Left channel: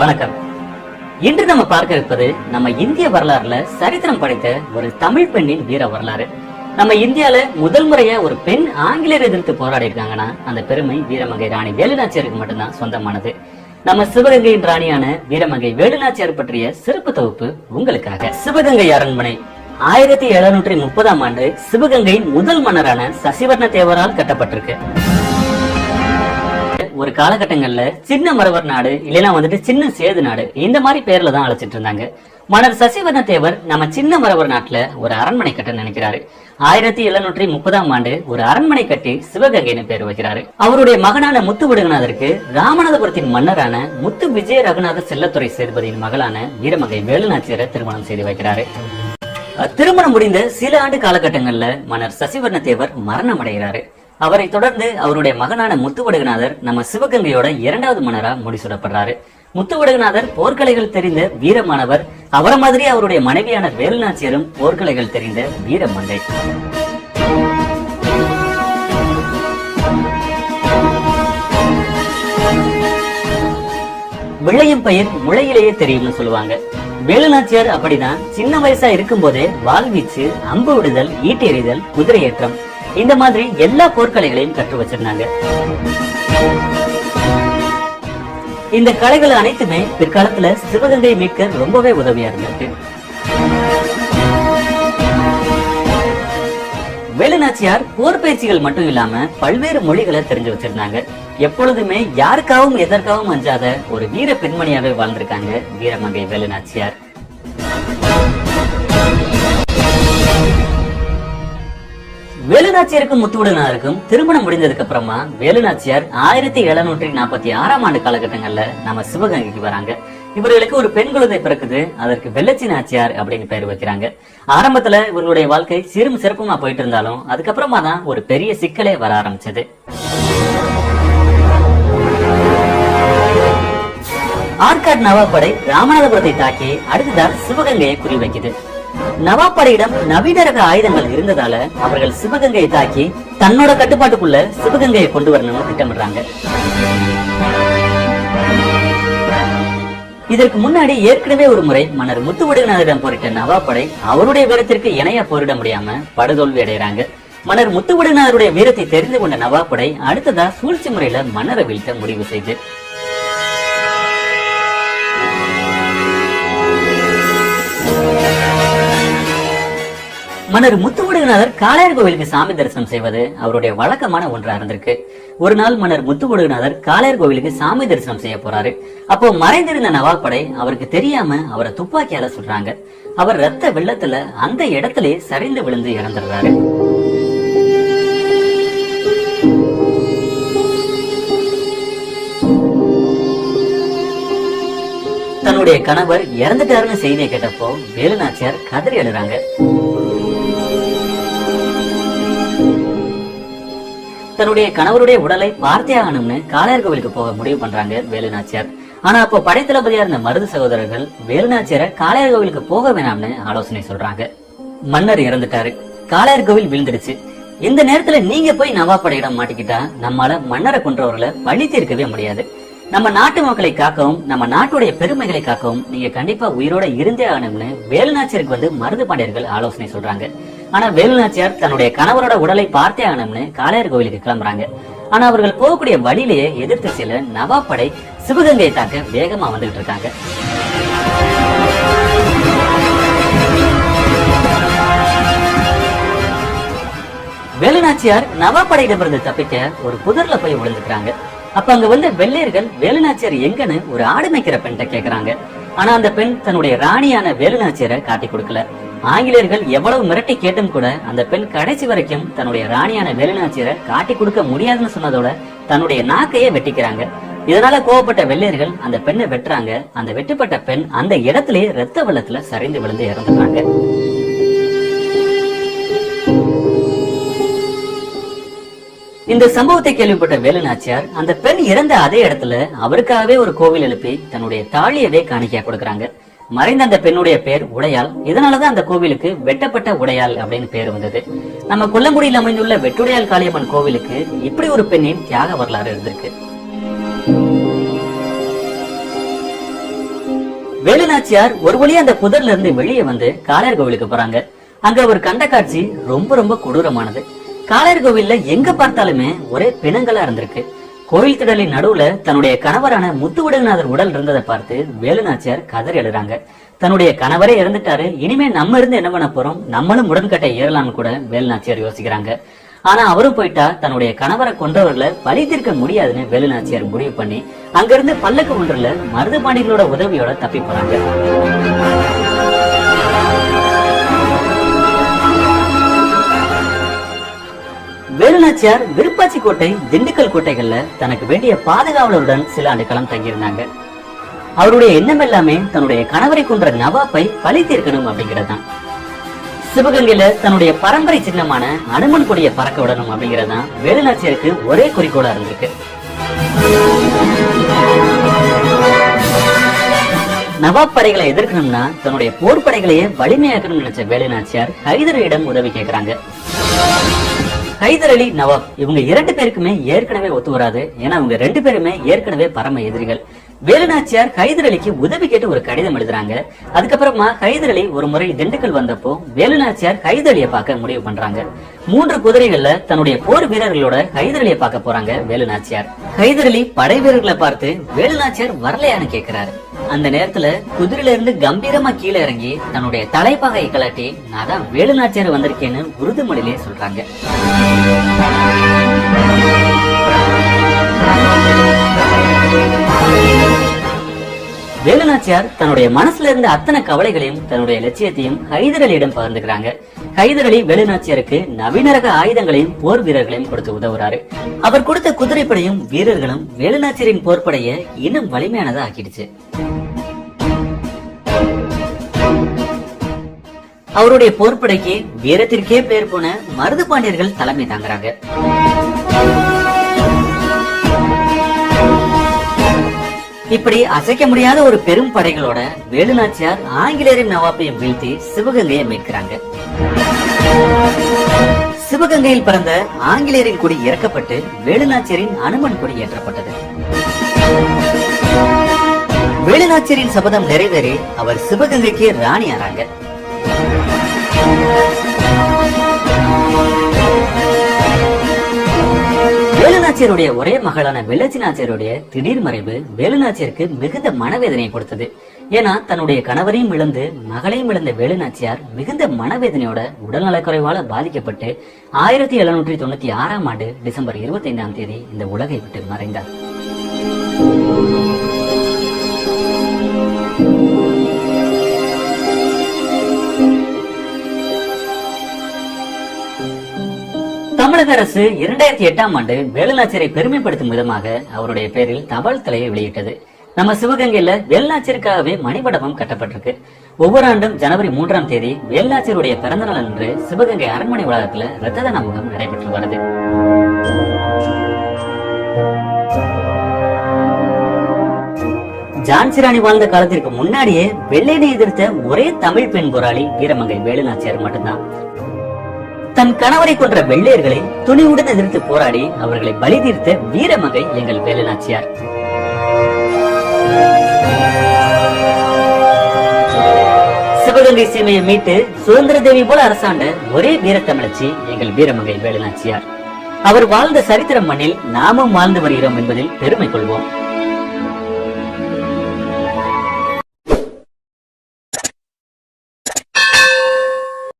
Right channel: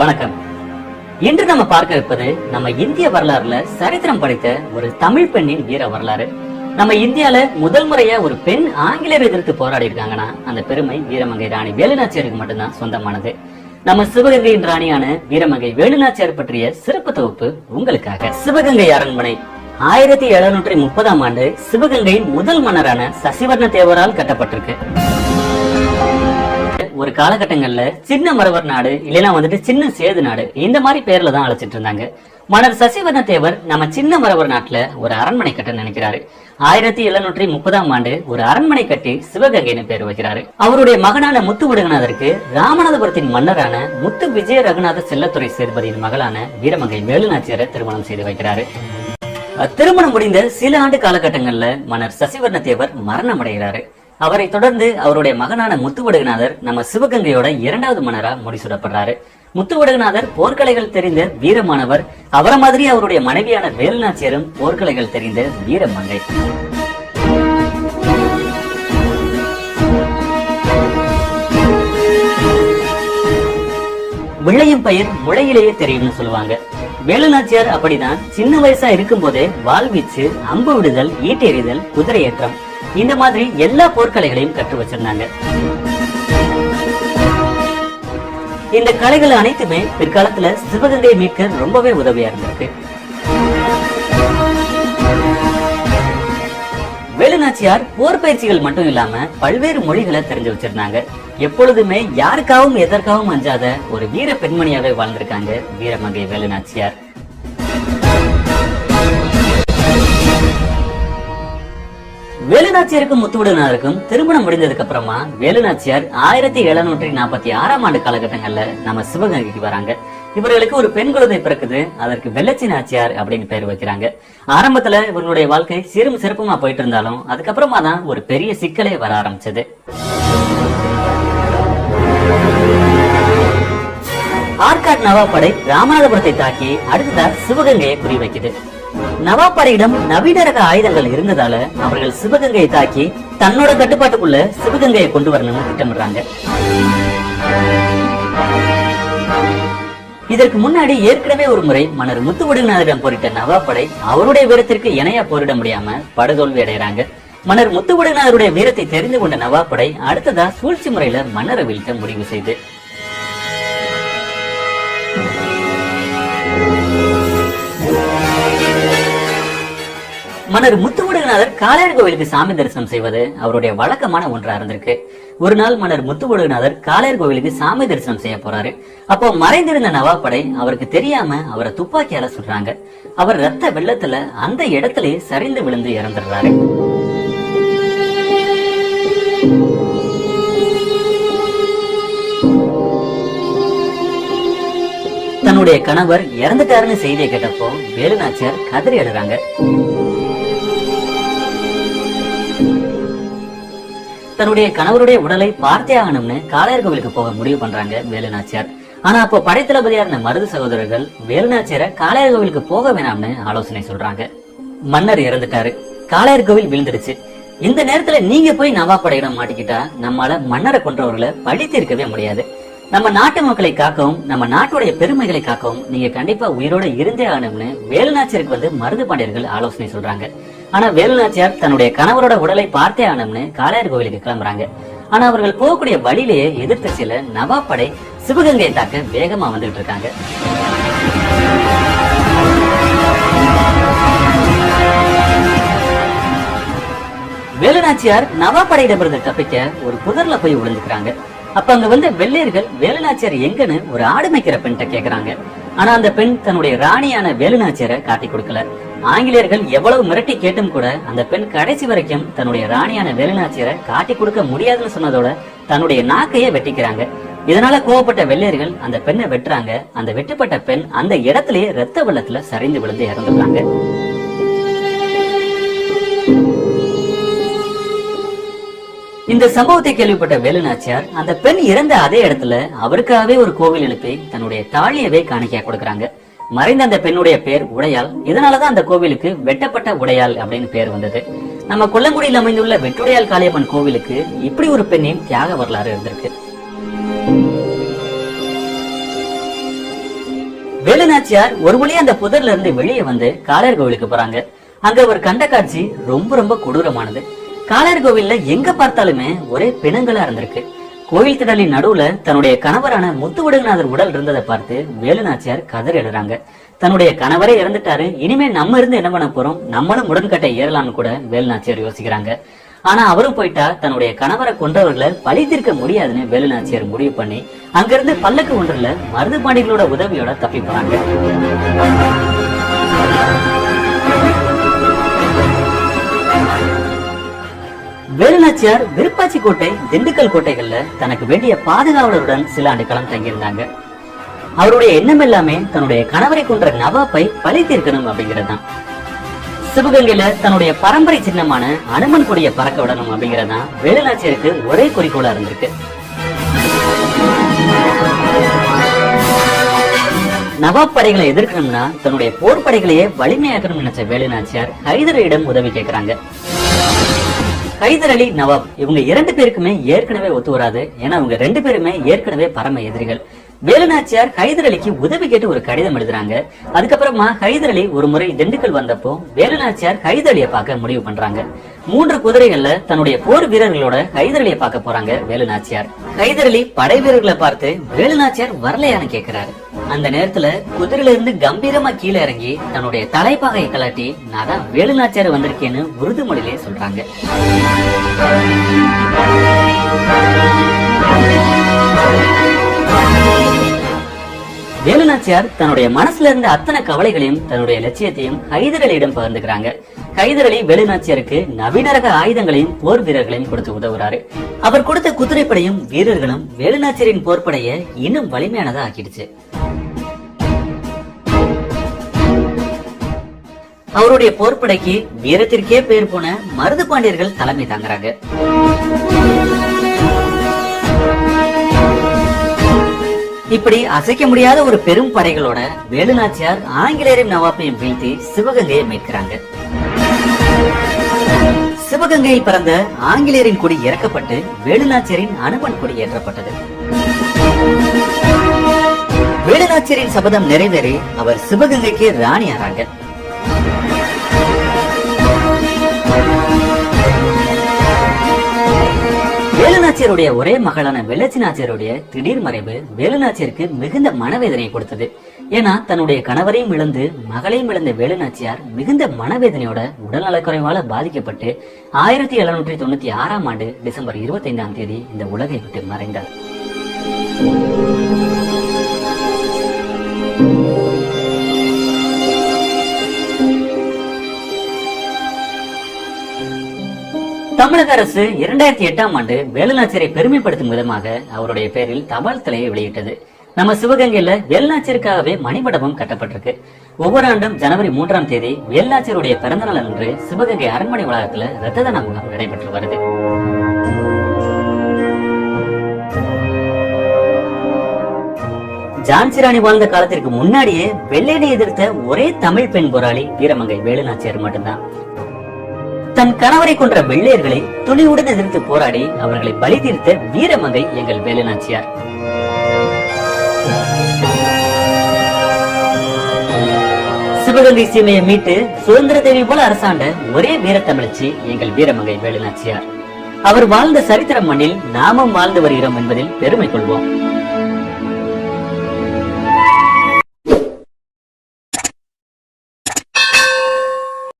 வணக்கம். இன்று நம்ம பார்க்க இருப்பது நம்ம இந்திய வரலாறுல சரித்திரம் படைத்த ஒரு தமிழ் பெண்ணின் வீர வரலாறு. நம்ம இந்தியால முதல் முறையா ஒரு பெண் ஆங்கிலேயர் எதிர்த்து போராடி இருக்காங்கன்னா அந்த பெருமை வீரமங்கை ராணி வேலுநாச்சியாருக்கு மட்டும்தான் சொந்தமானது. நம்ம சிவகங்கையின் ராணியான வீரமங்கை வேலுநாச்சியார் பற்றிய சிறப்பு தொகுப்பு உங்களுக்காக. சிவகங்கை அரண்மனை 1730ஆம் ஆண்டு சிவகங்கையின் முதல் மன்னரான சசிவர்ண தேவரால் கட்டப்பட்டிருக்கு. ஒரு காலகட்டங்கள்ல சின்ன மரவர் நாடு இல்லைன்னா சின்ன சேது நாடு இந்த மாதிரி பேர்ல தான் அழைச்சிட்டு இருந்தாங்க. மன்னர் சசிவர்ண தேவர் நம்ம சின்ன மரவர் நாட்டுல ஒரு அரண்மனை கட்ட நினைக்கிறாரு. 1730ஆம் ஆண்டு ஒரு அரண்மனை கட்டி சிவகங்கைன்னு பேர் வைக்கிறாரு. அவருடைய மகனான முத்து விடுகநாதருக்கு ராமநாதபுரத்தின் மன்னரான முத்து விஜய ரகுநாத செல்லத்துறை சேதுபதியின் மகளான வீரமங்கை வேலுநாச்சியாரை திருமணம் செய்து வைக்கிறாரு. திருமணம் முடிந்த சில ஆண்டு காலகட்டங்கள்ல மன்னர் சசிவர்ண தேவர் மரணம் அடைகிறாரு. அவரை தொடர்ந்து அவருடைய மகனான முத்துவடுகநாதர் நம்ம சிவகங்கையோட 2வது மன்னரா முடிசூடப்படுறாரு. முத்துவடுகநாதர் போர்க்கலைகள் தெரிந்த வீரமானவர். அவரை மாதிரி அவருடைய மனைவியான வேலுநாச்சியாரும் போர்க்கலைகள் தெரிந்த வீரமங்கை. விளையும் பயிர் முளையிலேயே தெரியும்னு சொல்லுவாங்க. வேலுநாச்சியார் அப்படிதான் சின்ன வயசா இருக்கும் போதே வாழ்வீச்சு, அம்பு விடுதல், ஈட்டெறிதல், குதிரை ஏற்றம் இந்த மாதிரி எல்லா போர்க்கலைகளையும் கற்று வச்சிருந்தாங்க. இந்த கலைகள் அனைத்துமே பிற்காலத்துல சிவகங்கை மீட்க ரொம்பவே உதவியா இருந்திருக்கு. வேலுநாச்சியார் போர் பயிற்சிகள் மட்டும் இல்லாம பல்வேறு மொழிகளை தெரிஞ்சு வச்சிருந்தாங்க. எப்பொழுதுமே யாருக்காகவும் எதற்காகவும் அஞ்சாத ஒரு வீர பெண்மணியாவே வாழ்ந்திருக்காங்க வீரமங்கை வேலுநாச்சியார். வேலுநாச்சியாருக்கும் முத்துவடுகநாதருக்கும் திருமணம் முடிந்ததுக்கு அப்புறமா வேலுநாச்சியார் 1746ஆம் ஆண்டு காலகட்டங்கள்ல நம்ம சிவகங்கைக்கு வராங்க. இவர்களுக்கு ஒரு பெண் குழந்தை பிறக்குது. அதற்கு வெள்ளச்சி நாச்சியார் அப்படின்னு பேர் வைக்கிறாங்க. ஆரம்பத்துல இவர்களுடைய வாழ்க்கை சீரும் சிறப்புமா போயிட்டு இருந்தாலும் அதுக்கப்புறமா தான் ஒரு பெரிய சிக்கலே வர ஆரம்பிச்சது. ஆற்காடு நவாப் படை ராமநாதபுரத்தை தாக்கி அடுத்ததா சிவகங்கையை குறிவைக்குது. நவாப் படையிடம் நவீன ரக ஆயுதங்கள் இருந்ததால அவர்கள் சிவகங்கையை தாக்கி தன்னோட கட்டுப்பாட்டுக்குள்ள சிவகங்கையை கொண்டு வரணும்னு திட்டமிடுறாங்க. இதற்கு முன்னாடி ஏற்கனவே ஒரு முறை மன்னர் முத்துவடுகநாதரிடம் போரிட்ட நவாப் படை அவருடைய வீரத்திற்கு இணையா போரிட முடியாம படுதோல்வி அடைகிறாங்க. மன்னர் முத்துவடுகநாதருடைய வீரத்தை தெரிந்து கொண்ட நவாப் படை அடுத்ததா சூழ்ச்சி முறையில மன்னரை வீழ்த்த முடிவு செய்து மன்னர் முத்துவடுகநாதர் காளையார் கோவிலுக்கு சாமி தரிசனம் செய்வது அவருடைய வழக்கமான ஒன்றா இருந்திருக்கு. ஒரு நாள் மன்னர் முத்துவடுகநாதர் காளையார் கோவிலுக்கு சாமி தரிசனம் செய்ய போறாரு. அப்போ மறைந்திருந்த நவாப் படை அவருக்கு தெரியாம அவரை துப்பாக்கியால சுடுறாங்க. அவர் ரத்த வெள்ளத்துல அந்த இடத்திலே சரிந்து விழுந்து இறந்துடுறாரு. தன்னுடைய கணவர் இறந்துட்டாருன்னு செய்தியை கேட்டப்போ வேலுநாச்சியார் கதறி அழுறாங்க. தன்னுடைய கணவருடைய உடலை பார்த்தே ஆகணும்னு காளையார் கோவிலுக்கு போக முடிவு பண்றாங்க வேலுநாச்சியார். ஆனா அப்போ படைத்தளபதியா இருந்த மருது சகோதரர்கள் வேலுநாச்சியாரை காளையார் கோவிலுக்கு போக வேணாம்னு ஆலோசனை சொல்றாங்க. மன்னர் இறந்துட்டாரு, காளையார் கோவில் விழுந்துடுச்சு. இந்த நேரத்துல நீங்க போய் நவாப் படையிடம் மாட்டிக்கிட்டா நம்மால மன்னரை கொன்றவர்களை பழி தீர்க்கவே முடியாது. நம்ம நாட்டு மக்களை காக்கவும் நம்ம நாட்டுடைய பெருமைகளை காக்கவும் நீங்க கண்டிப்பா உயிரோட இருந்தே ஆகணும்னு வேலுநாச்சியாருக்கு மருது பாண்டியர்கள் ஆலோசனை சொல்றாங்க. ஆனா வேலுநாச்சியார் தன்னுடைய கணவரோட உடலை பார்த்தே ஆகணும்னு காளையார் கோவிலுக்கு கிளம்புறாங்க. ஆனா அவர்கள் போகக்கூடிய வழியிலேயே எதிர்த்து சில நவாப் படை சிவகங்கையை தாக்க வேகமா வந்துட்டு இருக்காங்க. வேலுநாச்சியார் நவாப் படையிடமிருந்து தப்பிக்க ஒரு புதர்ல போய் விழுந்துக்கிறாங்க. அப்ப அங்க வந்த வெள்ளையர்கள் வேலுநாச்சியார் எங்கன்னு ஒரு ஆடு மேய்க்கிற பெண்கிட்ட கேக்குறாங்க. ஆனா அந்த பெண் தன்னுடைய ராணியான வேலுநாச்சியாரை காட்டி கொடுக்கல. ஆங்கிலேயர்கள் எவ்வளவு மிரட்டி கேட்டும் கூட அந்த பெண் கடைசி வரைக்கும் தன்னுடைய ராணியான வேலுநாச்சியாரை காட்டி கொடுக்க முடியாதுன்னு சொன்னதோட தன்னுடைய நாக்கையே வெட்டிக்கிறாங்க. இதனால கோவப்பட்ட வெள்ளையர்கள் அந்த பெண்ணை வெட்டுறாங்க. அந்த வெட்டப்பட்ட பெண் அந்த இடத்திலேயே ரத்த வெள்ளத்துல சரிந்து விழுந்து இறந்துடுறாங்க. இந்த சம்பவத்தை கேள்விப்பட்ட வேலுநாச்சியார் அந்த பெண் இறந்த அதே இடத்துல அவருக்காகவே ஒரு கோவில் எழுப்பி தன்னுடைய தாலியவே காணிக்கையா கொடுக்கறாங்க. மறைந்த அந்த பெண்ணுடைய பேர் உடையாள். இதனாலதான் அந்த கோவிலுக்கு வெட்டப்பட்ட உடையாள் அப்படின்னு பேர் வந்தது. நம்ம கொல்லங்குடியில் அமைந்துள்ள வெட்டுடையாள் காளியம்மன் கோவிலுக்கு இப்படி ஒரு பெண்ணின் தியாக வரலாறு இருந்திருக்கு. வேலுநாச்சியார் ஒரு வழி அந்த புதர்ல இருந்து வெளியே வந்து காளையர் கோவிலுக்கு போறாங்க. அங்க ஒரு கண்ட காட்சி ரொம்ப ரொம்ப கொடூரமானது. காளையர் கோவில்ல எங்க பார்த்தாலுமே ஒரே பிணங்களா இருந்திருக்கு. கோவில் திடலின் நடுவுல தன்னுடைய கணவரான முத்துவடுகநாதர் உடல் இருந்ததை பார்த்து வேலுநாச்சியார் கதறி எழுறாங்க. தன்னுடைய கணவரே இறந்துட்டாரு, இனிமே நம்ம இருந்து என்ன பண்ண போறோம், நம்மளும் உடன்கட்டை ஏறலாம்னு கூட வேலுநாச்சியார் யோசிக்கிறாங்க. ஆனா அவரும் போயிட்டா தன்னுடைய கணவரை கொண்டவர்களை பழி தீர்க்க முடியாதுன்னு வேலுநாச்சியார் முடிவு பண்ணி அங்கிருந்து பல்லக்கு ஒன்றுல மருதுபாண்டிகளோட உதவியோட தப்பி போறாங்க. வேலுநாச்சியார் விருப்பாச்சி கோட்டை, திண்டுக்கல் கோட்டைகள்ல தனக்கு வேண்டிய பாதுகாவலருடன் சில ஆண்டுகளும் தங்கியிருந்தாங்க. அவருடைய எண்ணம் எல்லாமே தன்னுடைய கணவரை கொன்ற நவாப்பை பழி தீர்க்கணும் அப்படிங்கறதுதான். சிவகங்கையில தன்னுடைய பரம்பரை சின்னமான அனுமன் கொடிய பறக்க விடணும் அப்படிங்கறதுதான் வேலுநாச்சியாருக்கு ஒரே குறிக்கோளா இருந்திருக்கு. நவாப் படைகளை எதிர்க்கணும்னா தன்னுடைய போர் படைகளையே வலிமையாக்கணும்னு நினைச்ச வேலுநாச்சியார் ஹைதரிடம் உதவி கேட்கிறாங்க. ஹைதர் அலி, நவாப் இவங்க 2 பேருக்குமே ஏற்கனவே ஒத்து வராது. ஏன்னா அவங்க 2 பேருமே ஏற்கனவே பரம எதிரிகள். வேலுநாச்சியார் ஹைதர் அலிக்கு உதவி கேட்டு ஒரு கடிதம் எழுதுறாங்க. அதுக்கப்புறமா ஹைதர் அலி ஒரு முறை திண்டுக்கல் வந்தப்போ வேலுநாச்சியார் ஹைதர் அலியை பார்க்க முடிவு பண்றாங்க. 3 குதிரைகள்ல தன்னுடைய போர் வீரர்களோட ஹைதர் அலியை பார்க்க போறாங்க வேலுநாச்சியார். ஹைதர் அலி படை வீரர்களை பார்த்து வேலுநாச்சியார் வரலையான்னு கேக்குறாரு. அந்த நேரத்துல குதிரையில இருந்து கம்பீரமா கீழே இறங்கி தன்னுடைய தலைப்பாகையை கலட்டி நான் தான் வேலுநாச்சியார் வந்திருக்கேன்னு உருது மொழியிலே சொல்றாங்க. வேலுநாச்சியார் தன்னுடைய மனசுல இருந்த அத்தனை கவலைகளையும் தன்னுடைய லட்சியத்தையும் ஹைதர் அலியிடம் பகிர்ந்துக்கிறாங்க. ஹைதர் அலி வேலுநாச்சியாருக்கு நவீன ரக ஆயுதங்களையும் போர் வீரர்களையும் கொடுத்து உதவுறாரு. அவர் கொடுத்த குதிரைப்படையும் வீரர்களும் வேலுநாச்சியாரின் போர்படைய இன்னும் வலிமையானதா ஆக்கிடுச்சு. அவருடைய போர்படைக்கு வீரத்திற்கே பெயர் போன மருதுபாண்டியர்கள் தலைமை தாங்குறாங்க. இப்படி அசைக்க முடியாத ஒரு பெரும் படைகளோட வேலுநாச்சியார் ஆங்கிலேயரையும் நவாப்பையும் வீழ்த்தி சிவகங்கையை மீட்கிறாங்க. சிவகங்கையில் பிறந்த ஆங்கிலேயரின் கொடி இறக்கப்பட்டு வேலுநாச்சியாரின் அனுமன் கொடி ஏற்றப்பட்டது. வேலுநாச்சியாரின் சபதம் நிறைவேறி அவர் சிவகங்கைக்கு ராணி ஆறாங்க. வேலுநாச்சியாருடைய ஒரே மகளான வெள்ளச்சி நாச்சியாருடைய திடீர் மறைவு வேலுநாச்சியாருக்கு மிகுந்த மனவேதனையை கொடுத்தது. ஏன்னா தன்னுடைய கணவரையும் இழந்து மகளையும் இழந்த வேலுநாச்சியார் மிகுந்த மனவேதனையோட உடல்நலக்குறைவால பாதிக்கப்பட்டு 1796ஆம் ஆண்டு டிசம்பர் 25ஆம் தேதி இந்த உலகை விட்டு மறைந்தார். தமிழக அரசு 2008ஆம் ஆண்டு வேலுநாச்சியாரை பெருமைப்படுத்தும் விதமாக அவருடைய பெயரில் தபால் தலையை வெளியிட்டது. நம்ம சிவகங்கையில வேலுநாச்சியாருக்காகவே மணிமண்டபம் கட்டப்பட்டிருக்கு. ஒவ்வொரு ஆண்டும் ஜனவரி 3ஆம் தேதி வேலுநாச்சியாருடைய பிறந்தநாள் அன்று சிவகங்கை அரண்மனை வளாகத்துல இரத்த தான முகாம் நடைபெற்று வருது. ஜான்சி ராணி வாழ்ந்த காலத்திற்கு முன்னாடியே வெள்ளையனை எதிர்த்த ஒரே தமிழ் பெண் போராளி வீரமங்கை வேலுநாச்சியார் மட்டும்தான். தன் கணவரை கொன்ற வெள்ளையர்களை துணிவுடன் எதிர்த்து போராடி அவர்களை பலி தீர்த்த வீரமங்கை எங்கள் வேலுநாச்சியார். சிவகங்கை சீமையை மீட்டு சுதந்திர தேவி போல அரசாண்ட ஒரே வீரத்தமிழச்சி எங்கள் வீரமங்கை வேலுநாச்சியார். அவர் வாழ்ந்த சரித்திரம் மண்ணில் நாமும் வாழ்ந்து வருகிறோம் என்பதில் பெருமை கொள்வோம்.